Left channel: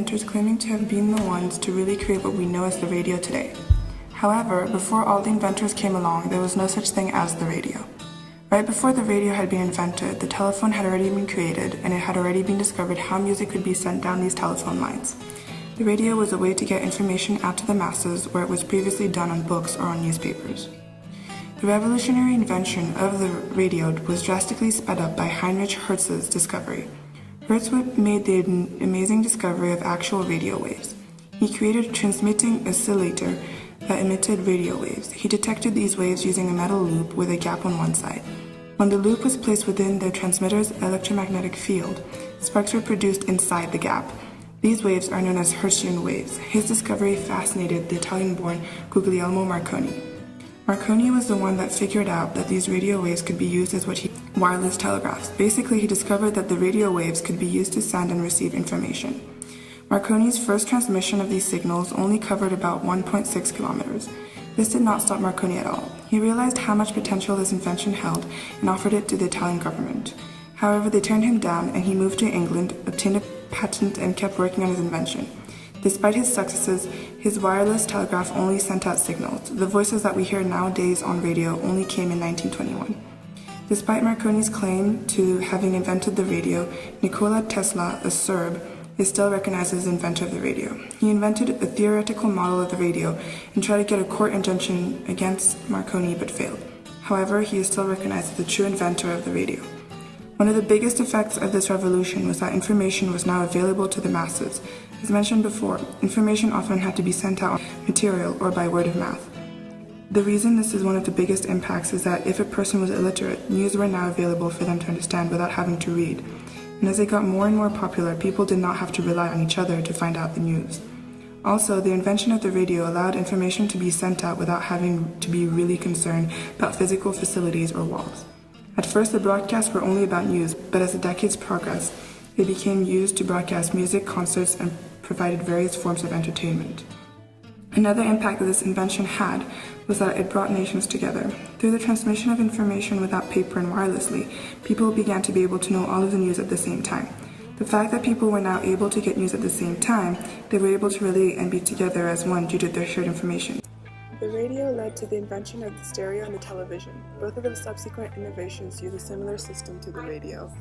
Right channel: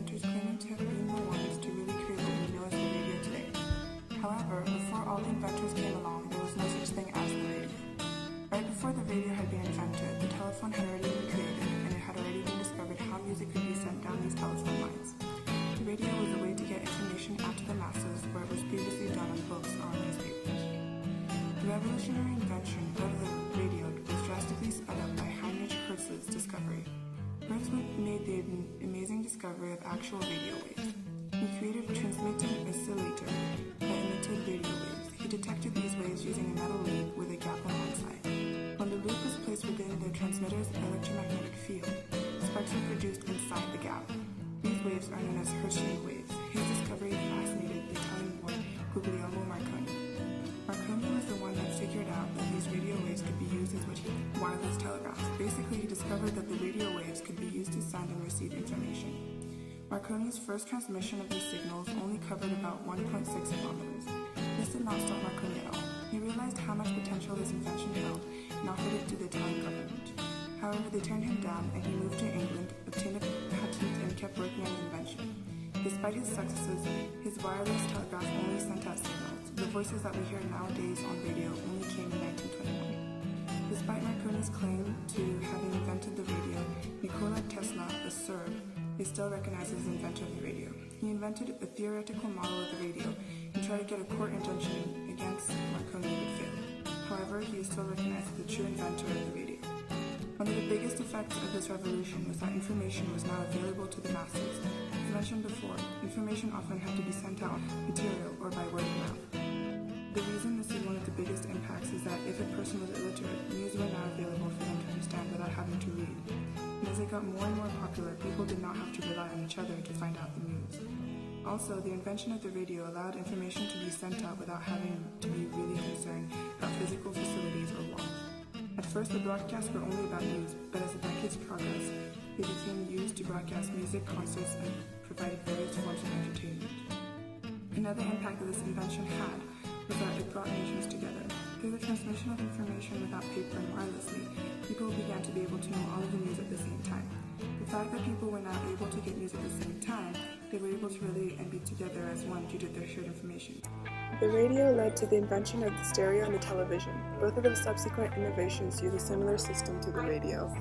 inventors claiming to have been the ones to really create what we know as the radio today. However, before all the inventors came along, there was no such thing as the radio. Right before the radio had been invented, the telephone had already been created, and it had already been discovered how music could be sent down these telephone lines. The radio was a way to get information out to the masses where it was previously done on books or on newspapers. The revolutionary invention of the radio was drastically sped up by Heinrich Hertz's discovery. Hertz made the amazing discovery of actual radio waves. He created a transmitting oscillator that emitted radio waves. He detected these waves using a metal loop with a gap on one side. When the loop was placed within the transmitter's electromagnetic field, sparks were produced inside the gap. These waves are known as Hertzian waves. His discovery fascinated the Italian-born Guglielmo Marconi. Marconi was the one that figured out that these radio waves could be used as wireless telegraphs. Basically, he discovered that the radio waves could be used to send and receive information. Marconi's first transmission of these signals only covered about 1.6 kilometers. This did not stop Marconi at all. He realized how much potential his invention held and offered it to the Italian government. However, they turned him down and he moved to England, obtained a patent, and kept working on his invention. Despite his successes, his wireless telegraph only sent out signals. The voices that we hear nowadays on radio only came in 1921. Despite Marconi's claim to having invented the radio, Nikola Tesla, a Serb, is still recognized as the inventor of the radio. He invented a theoretical model of the radio and tried to get a court injunction against Marconi but failed. However, he is still recognized as the true inventor of the radio. One of the biggest effects of this revolution was that information was now available to the masses. As mentioned before, information often had to be sent out on material or by word of mouth. The reason this is one of the biggest impacts is that if a person was illiterate, news were now available for them to understand without having to read. And as it got more and more popular, people did not have to rely on each other to find out the news. Also, the invention of the radio allowed information to be sent out without having to be really concerned about physical facilities or walls. At first, the broadcasts were only about news, but as the decades progressed, they became used to broadcast music, concerts, and provided various forms of entertainment. Another impact that this invention had was that it brought nations together. Through the transmission of information without paper and wirelessly, people began to be able to know all of the news at the same time. The fact that people were now able to get news at the same time, they were able to relate and be together as one due to their shared information. The radio led to the invention of the stereo and the television. Both of the subsequent innovations use a similar system to the radio.